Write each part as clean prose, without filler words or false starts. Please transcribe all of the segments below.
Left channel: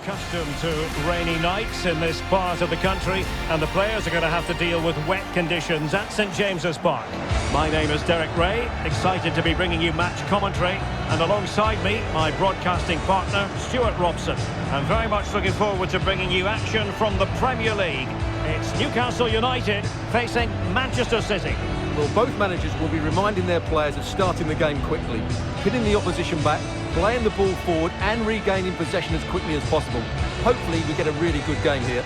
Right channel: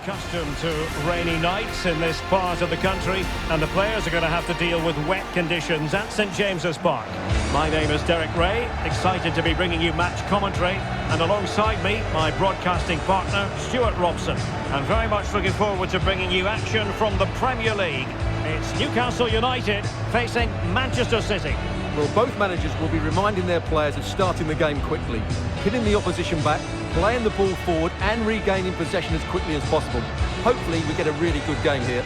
accustomed to rainy nights in this part of the country, and the players are going to have to deal with wet conditions at St James's Park. My name is Derek Ray, excited to be bringing you match commentary, and alongside me, my broadcasting partner, Stuart Robson. I'm very much looking forward to bringing you action from the Premier League. It's Newcastle United facing Manchester City. Well, both managers will be reminding their players of starting the game quickly, hitting the opposition back, playing the ball forward and regaining possession as quickly as possible. Hopefully we get a really good game here.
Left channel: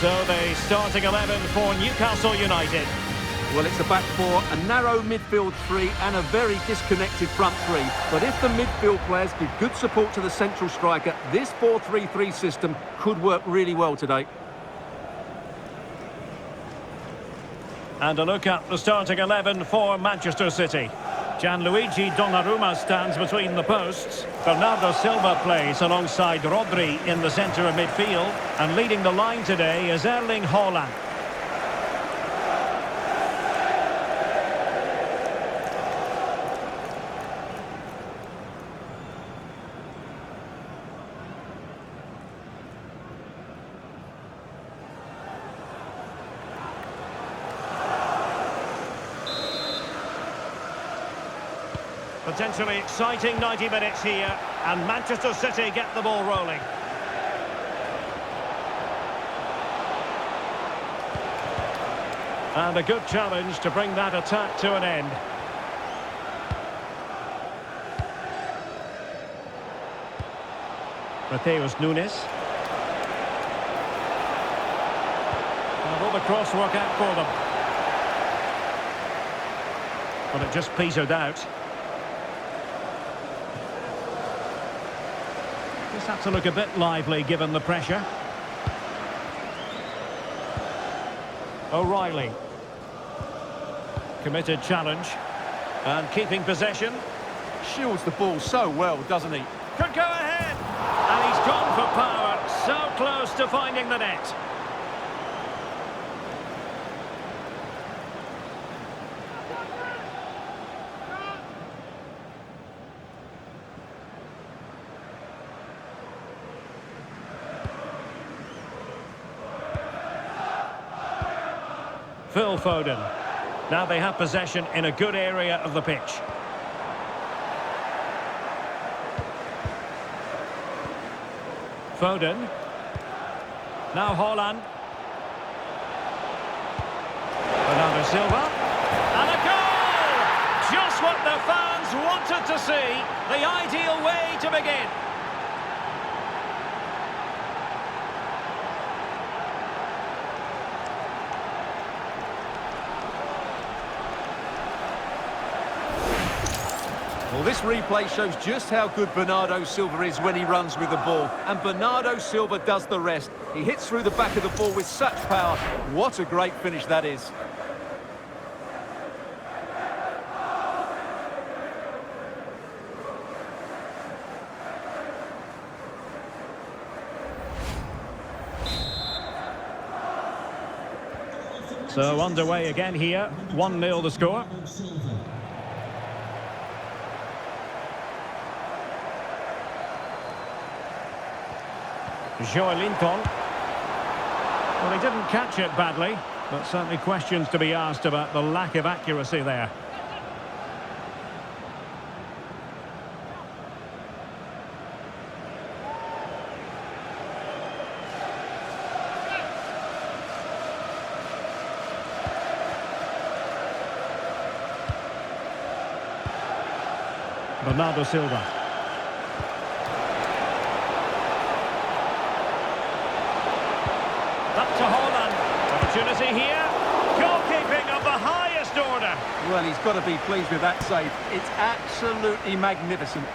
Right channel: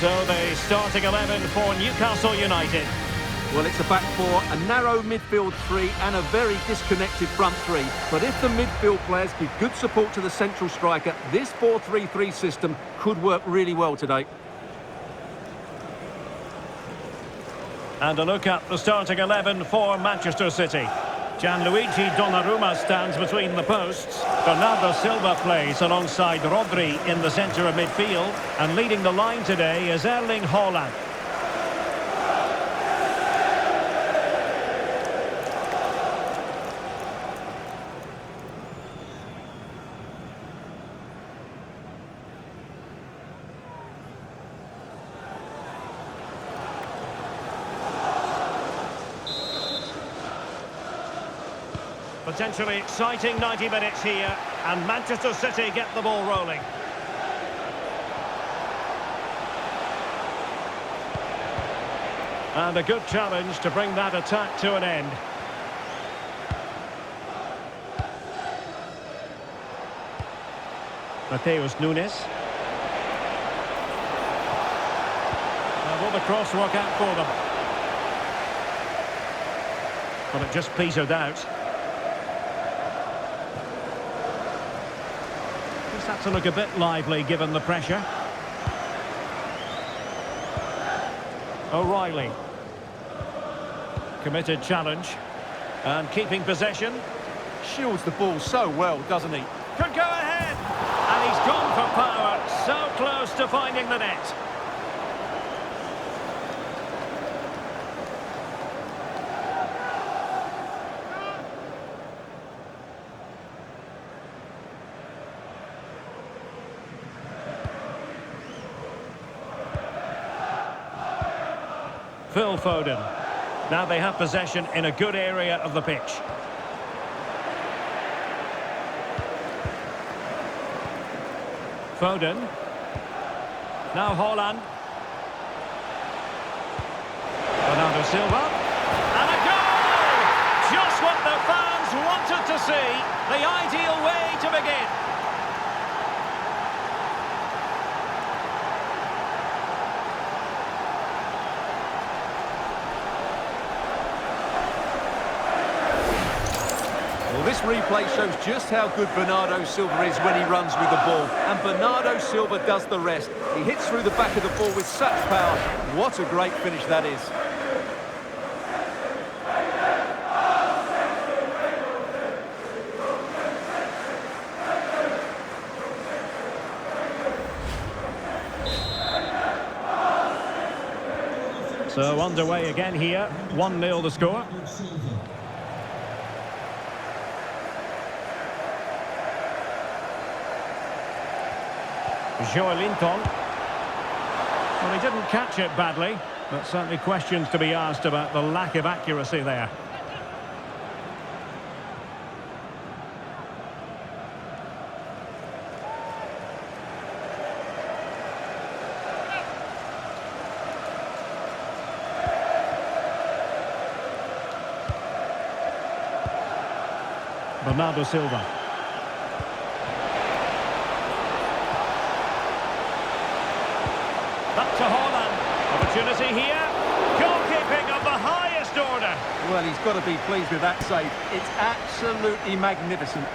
So the starting 11 for Newcastle United. Well, it's a back four, a narrow midfield three and a very disconnected front three. But if the midfield players give good support to the central striker, this 4-3-3 system could work really well today. And a look at the starting 11 for Manchester City. Gianluigi Donnarumma stands between the posts. Bernardo Silva plays alongside RODRI in the centre of midfield. And leading the line today is Erling Haaland. Potentially exciting 90 minutes here, and Manchester City get the ball rolling. And a good challenge to bring that attack to an end. Mateus Nunes. Will the cross work out for them? But it just petered out. Just had to look a bit lively given the pressure. O'Reilly. Committed challenge. And keeping possession. Shields the ball so well, doesn't he? Could go ahead. And he's gone for power. So close to finding the net. Phil Foden. Now they have possession in a good area of the pitch. Foden. Now Haaland. Bernardo Silva. And a goal! Just what the fans wanted to see. The ideal way to begin. Well, this replay shows just how good Bernardo Silva is when he runs with the ball. And Bernardo Silva does the rest. He hits through the back of the ball with such power. What a great finish that is. So underway again here. 1-0 the score. Joelinton. Well, he didn't catch it badly, but certainly questions to be asked about the lack of accuracy there. Bernardo Silva. Back to Haaland. Opportunity here. Goalkeeping of the highest order. Well, he's got to be pleased with that save. It's absolutely magnificent.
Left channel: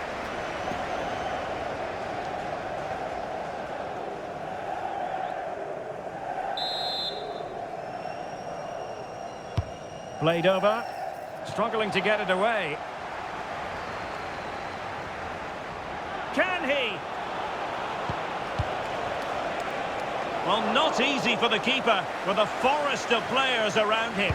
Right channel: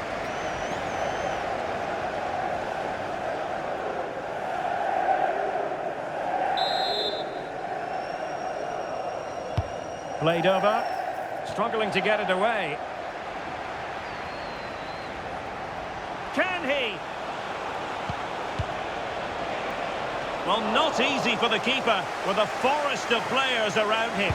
Played over. Struggling to get it away. Can he? Well, not easy for the keeper with a forest of players around him.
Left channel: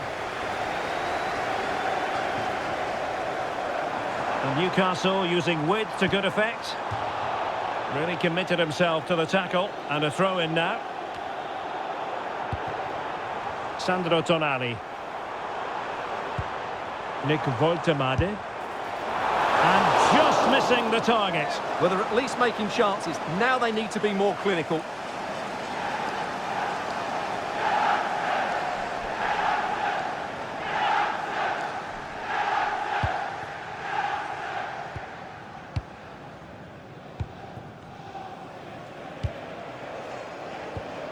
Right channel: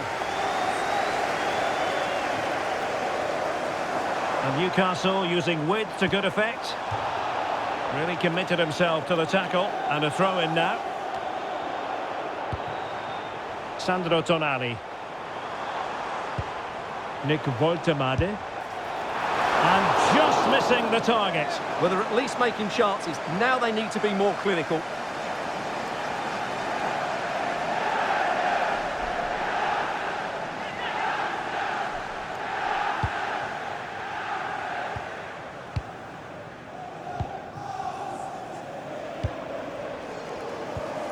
And Newcastle using width to good effect. Really committed himself to the tackle. And a throw-in now. TONALI. Woltemade. And just missing the target. Well, they're at least making chances. Now they need to be more clinical.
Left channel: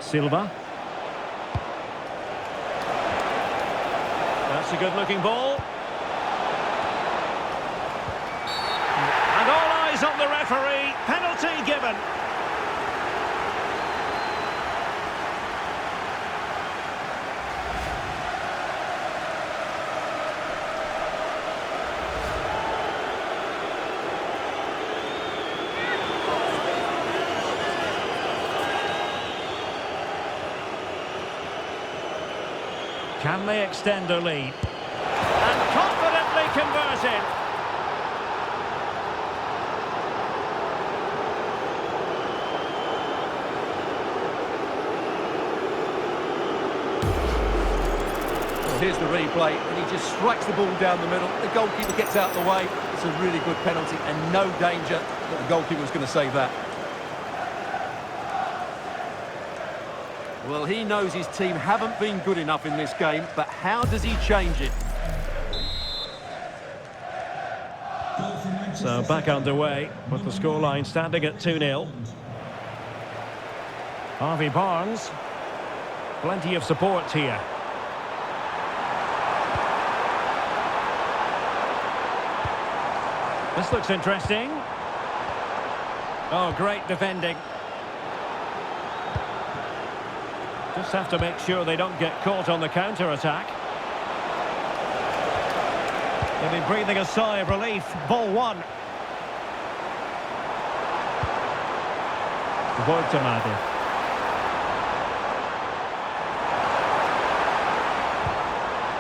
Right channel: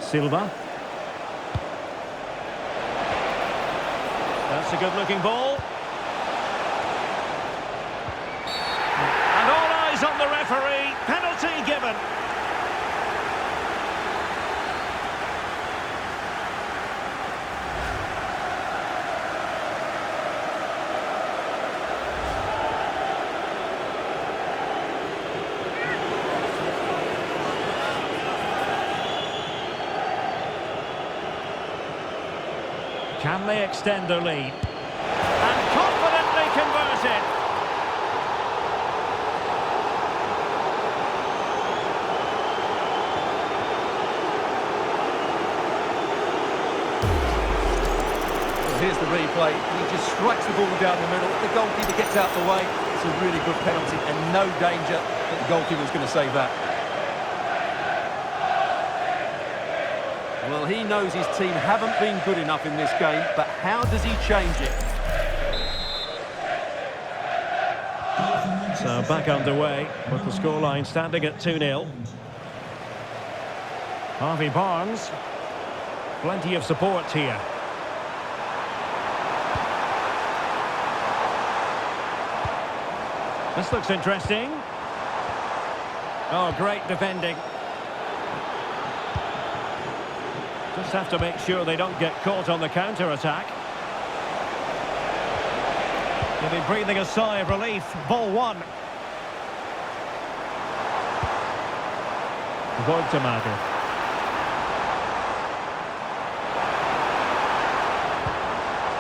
Silva. That's a good-looking ball. And all eyes on the referee. Penalty given. Can they extend their lead? And confidently converted. Well, here's the replay, and he just strikes the ball down the middle. The goalkeeper gets out the way. It's a really good penalty, and no danger that the goalkeeper was going to save that. Well, he knows his team haven't been good enough in this game, but how does he change it? So back underway with the scoreline standing at 2-0. Harvey Barnes. Plenty of support here. This looks interesting. Oh, great defending. Just have to make sure they don't get caught on the counter-attack. They'll be breathing a sigh of relief. Ball one. Woltemade.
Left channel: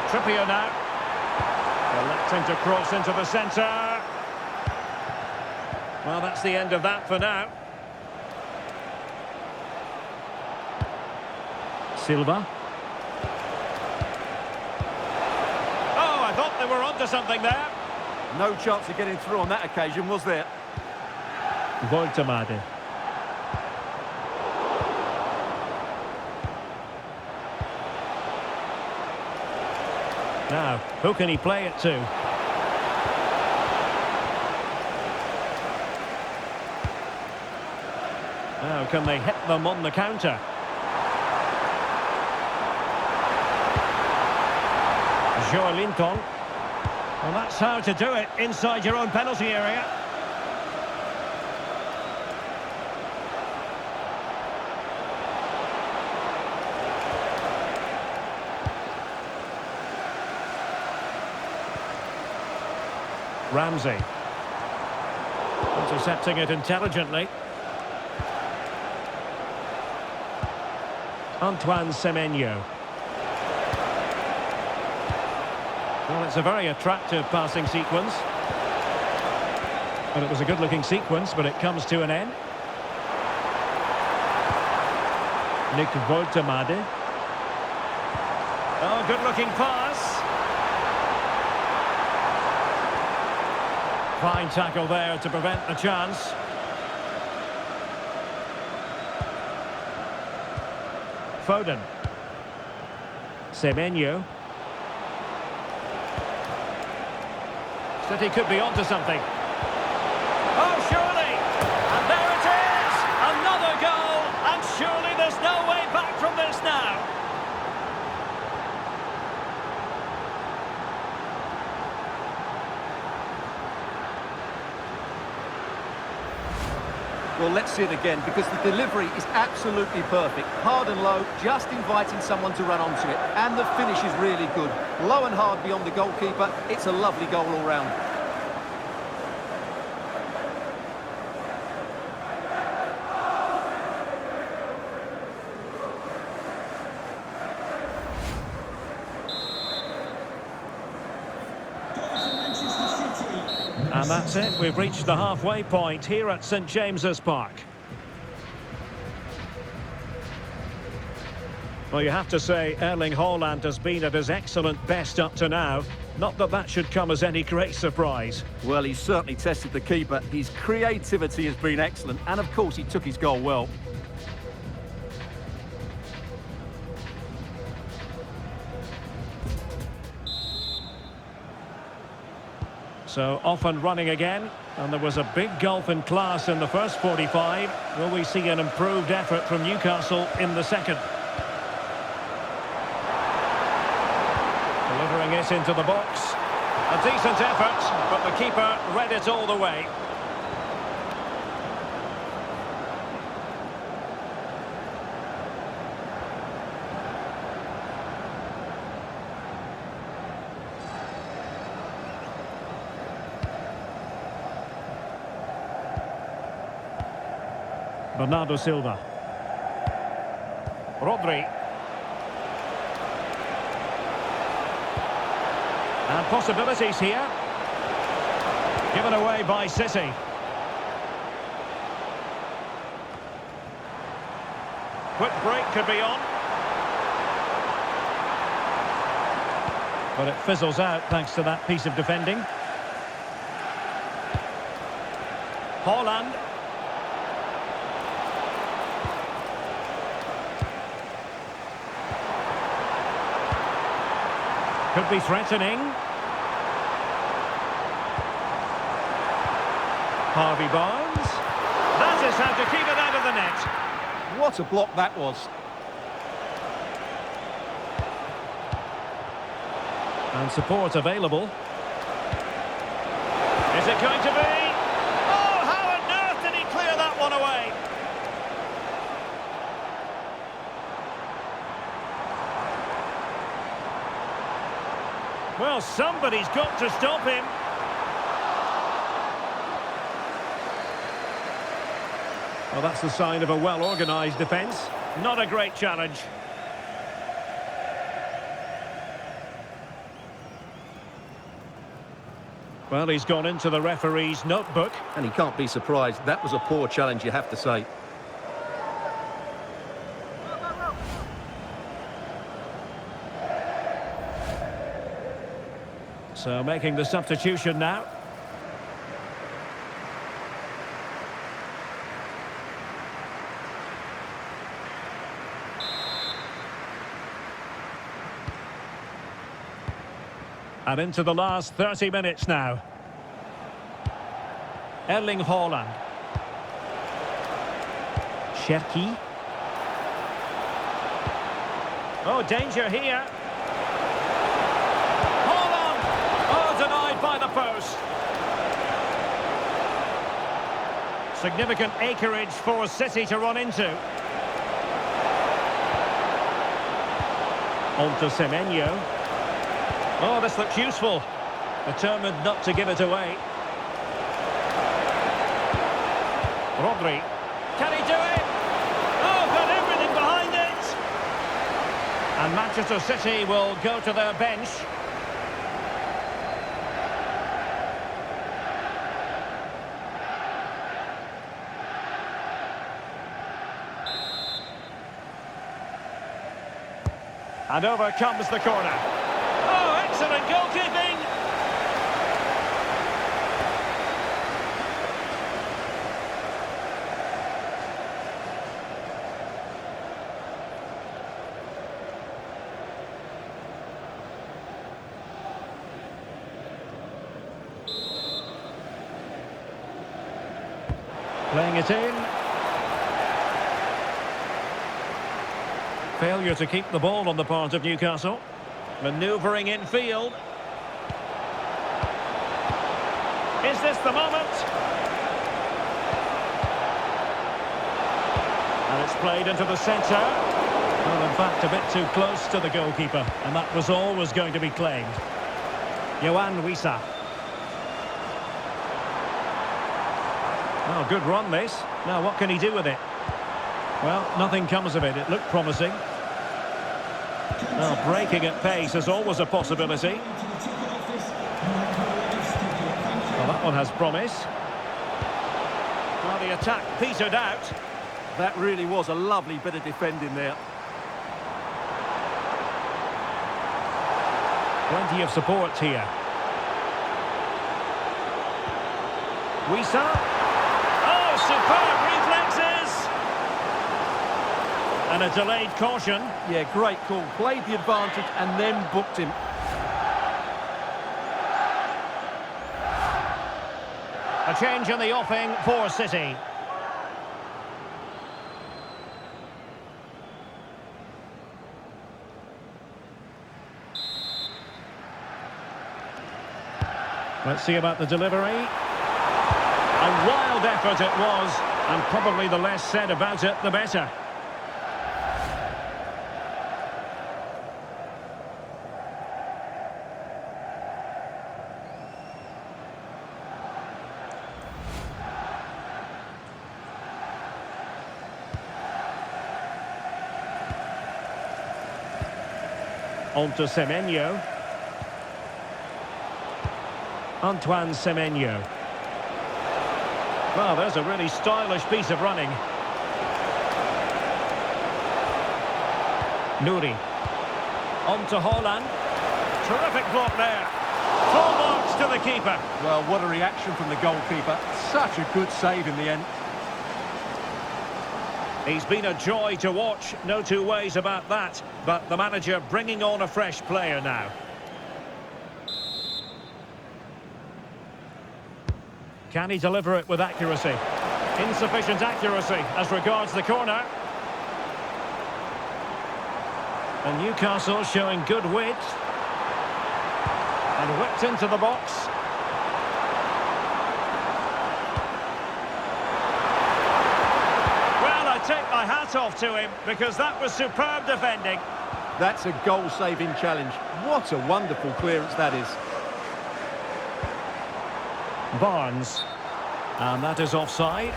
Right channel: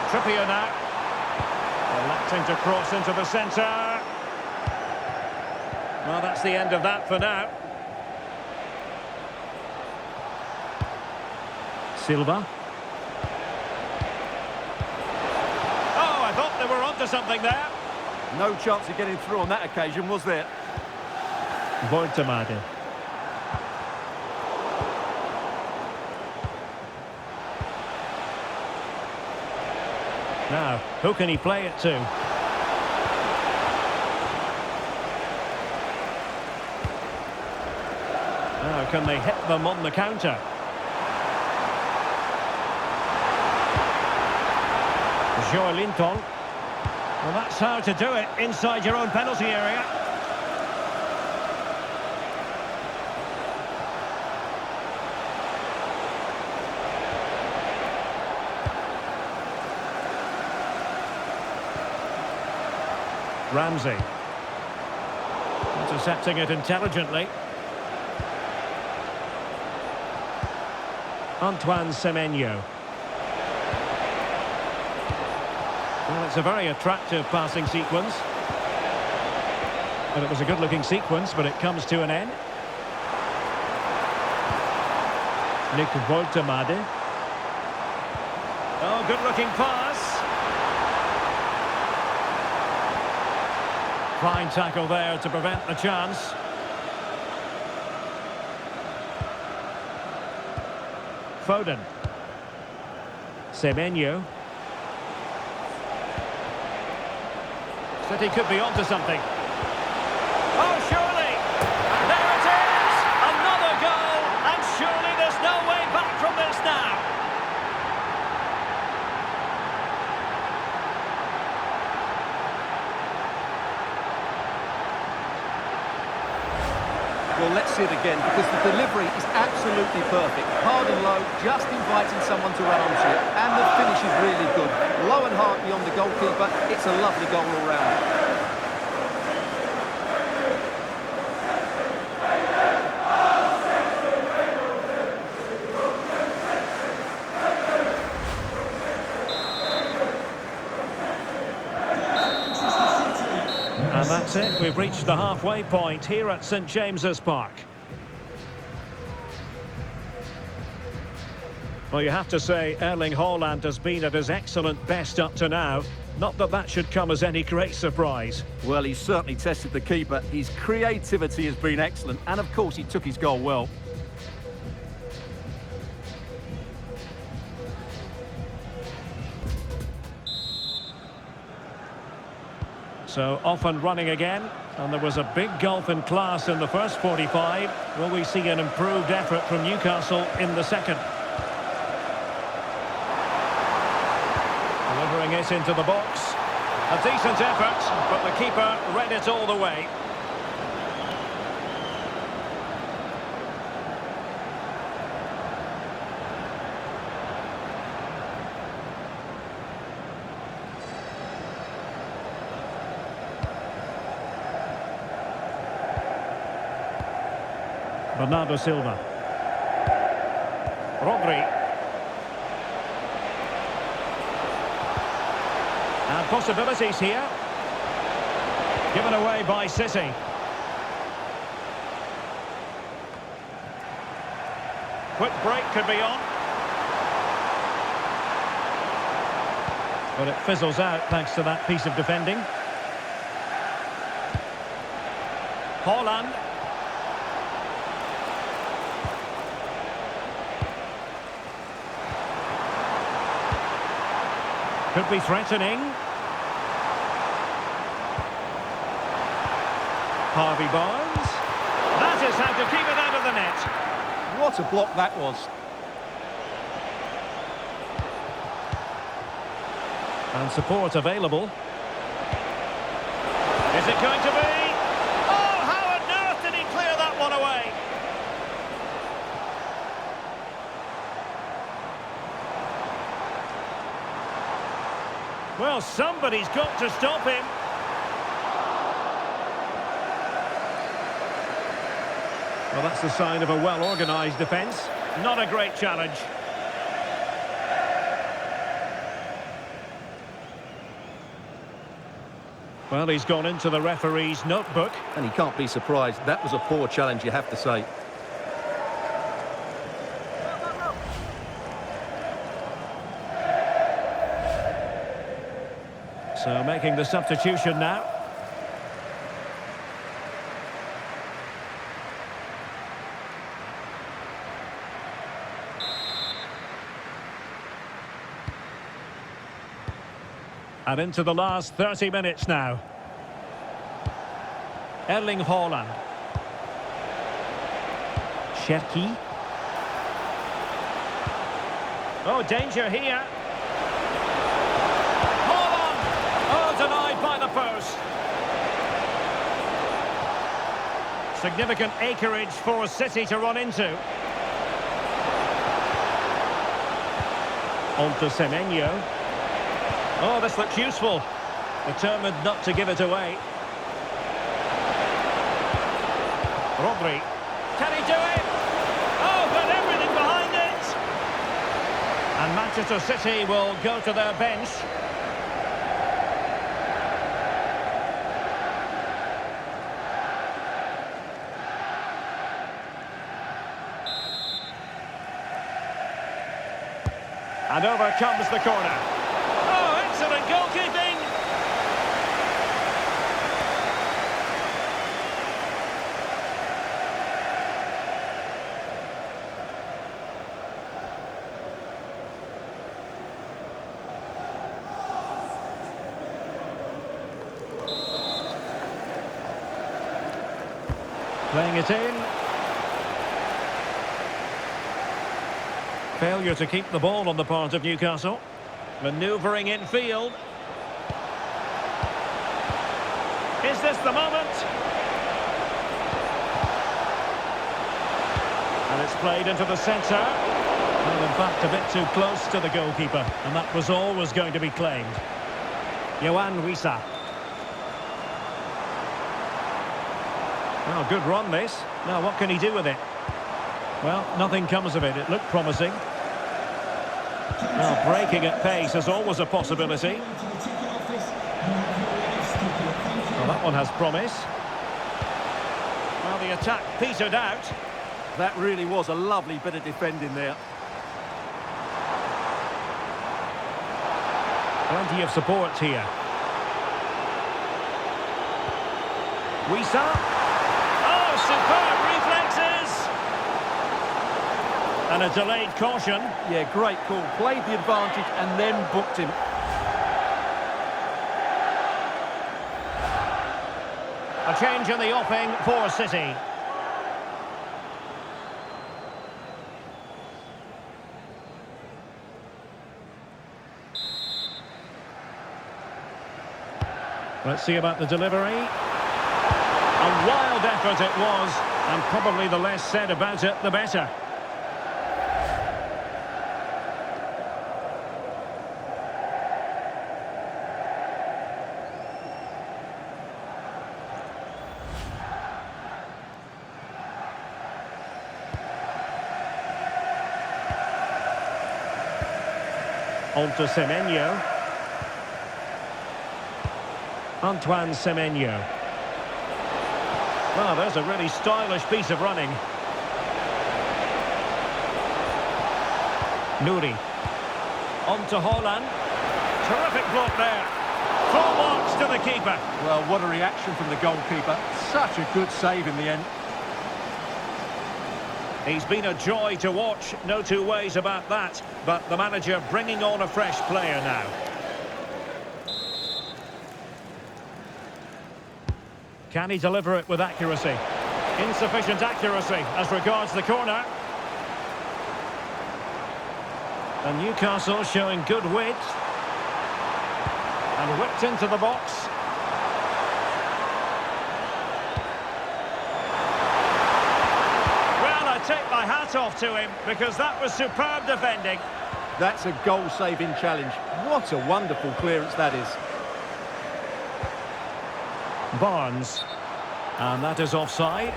Trippier now. Electing to cross into the centre. Well, that's the end of that for now. Silva. Oh, I thought they were onto something there. No chance of getting through on that occasion, was there? Woltemade. Now, who can he play it to? Now, can they hit them on the counter? Linton. Well, that's how to do it inside your own penalty area. Ramsey. Intercepting it intelligently. Antoine Semenyo. Well, it's a very attractive passing sequence. And it was a good-looking sequence, but it comes to an end. Woltemade. Oh, good-looking pass. Fine tackle there to prevent the chance. Foden. Semenyo. City could be onto something. Oh, surely! And there it is! Another goal! And surely there's no way back from this now. Let's see it again, because the delivery is absolutely perfect. Hard and low, just inviting someone to run onto it. And the finish is really good. Low and hard beyond the goalkeeper. It's a lovely goal all round. And that's it. We've reached the halfway point here at St James's Park. Well, you have to say Erling Haaland has been at his excellent best up to now. Not that that should come as any great surprise. Well, he's certainly tested the keeper. His creativity has been excellent. And, of course, he took his goal well. So off and running again, and there was a big gulf in class in the first 45. Will we see an improved effort from Newcastle in the second? Delivering it into the box. A decent effort, but the keeper read it all the way. Bernardo Silva. RODRI. And possibilities here. Given away by City. Quick break could be on. But it fizzles out thanks to that piece of defending. Haaland. Could be threatening. Harvey Barnes. That is how to keep it out of the net. What a block that was. And support available. Is it going to be? Oh, how on earth did he clear that one away? Well, somebody's got to stop him. Well, that's the sign of a well-organised defence. Not a great challenge. Well, he's gone into the referee's notebook. And he can't be surprised. That was a poor challenge, you have to say. So making the substitution now. And into the last 30 minutes now. Erling Haaland. Cherki. Oh, danger here. Denied by the post. Significant acreage for City to run into. On to Semenyo. Oh, this looks useful. Determined not to give it away. RODRI. Can he do it? Oh, got everything behind it. And Manchester City will go to their bench. And over comes the corner. Oh, excellent goalkeeping! Playing it in. Failure to keep the ball on the part of Newcastle. Manoeuvring infield. Is this the moment? And it's played into the centre. Well, in fact, a bit too close to the goalkeeper. And that was always going to be claimed. Yohan Wissa. Oh, good run, this. Now, what can he do with it? Well, nothing comes of it. It looked promising. Well, breaking at pace is always a possibility. Well, that one has promise. Well, the attack petered out. That really was a lovely bit of defending there. Plenty of support here. Wissa. Oh, superb reflexes! And a delayed caution. Yeah, great call. Played the advantage and then booked him. A change in the offing for City. Let's see about the delivery. A wild effort it was, and probably the less said about it, the better. On to Semenyo. Antoine Semenyo. Well, there's a really stylish piece of running. Nouri. On to Haaland. Terrific block there. Full marks to the keeper. Well, what a reaction from the goalkeeper. Such a good save in the end. He's been a joy to watch, no two ways about that. But the manager bringing on a fresh player now. Can he deliver it with accuracy? Insufficient accuracy as regards the corner. And Newcastle showing good width. And whipped into the box. Well, I take my hat off to him because that was superb defending. That's a goal-saving challenge. What a wonderful clearance that is. Barnes. And that is offside.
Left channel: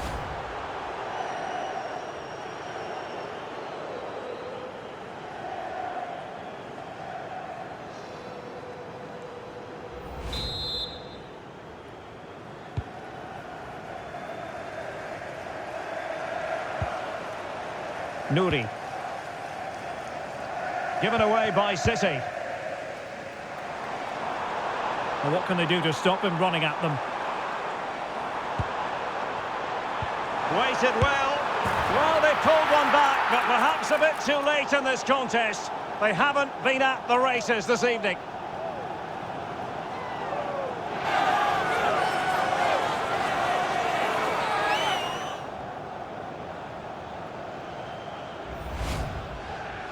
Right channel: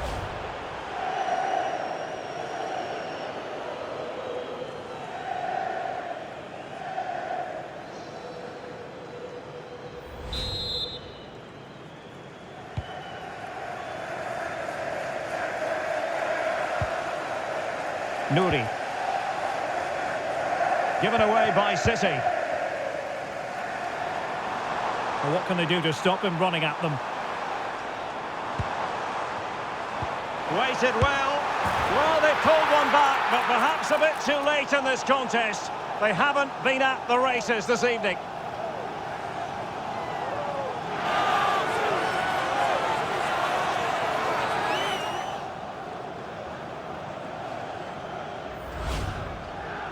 Nouri. Given away by City. Well, what can they do to stop him running at them? Waited well. Well, they pulled one back, but perhaps a bit too late in this contest. They haven't been at the races this evening.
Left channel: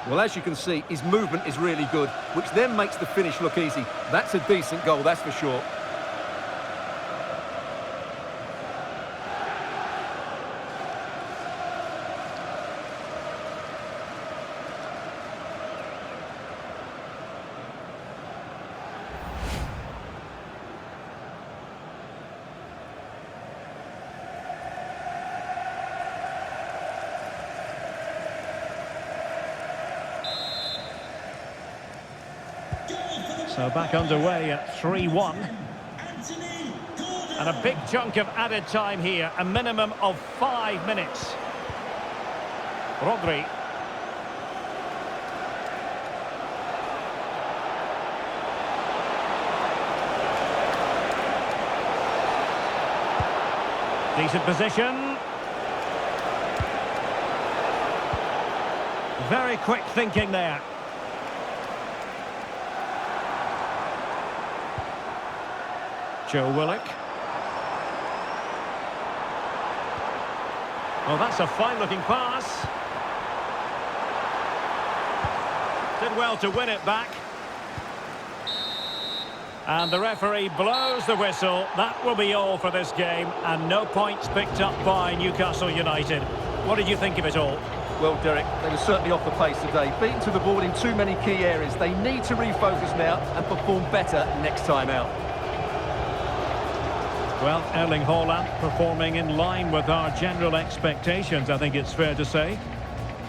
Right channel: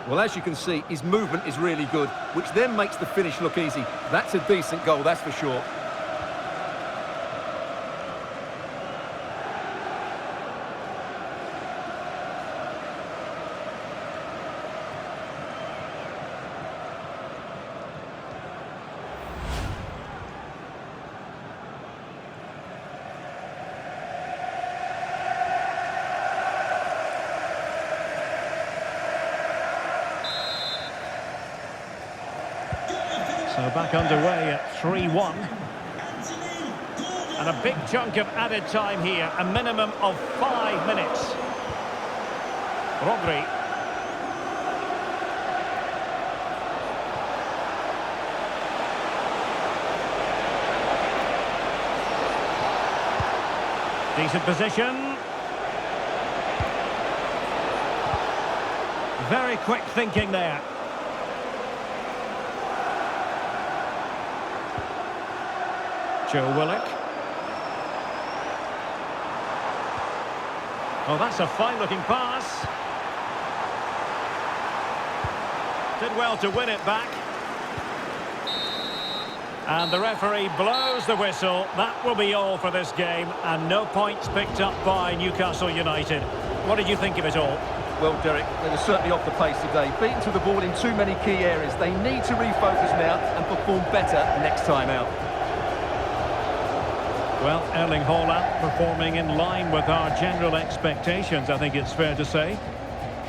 Well, as you can see, his movement is really good, which then makes the finish look easy. That's a decent goal, that's for sure. So back underway at 3-1. And a big chunk of added time here, a minimum of 5 minutes. RODRI. Decent position. Very quick thinking there. Joe Willock. Oh, that's a fine-looking pass. Did well to win it back. And the referee blows the whistle. That will be all for this game, and no points picked up by Newcastle United. what did you think of it all? Well, Derek, they were certainly off the pace today. Beaten to the ball in too many key areas. They need to refocus now and perform better next time out. Well, Erling Haaland performing in line with our general expectations, I think it's fair to say.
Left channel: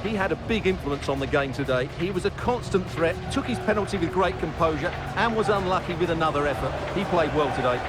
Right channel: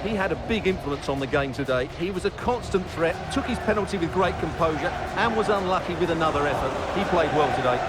He had a big influence on the game today. He was a constant threat, took his penalty with great composure and was unlucky with another effort. He played well today.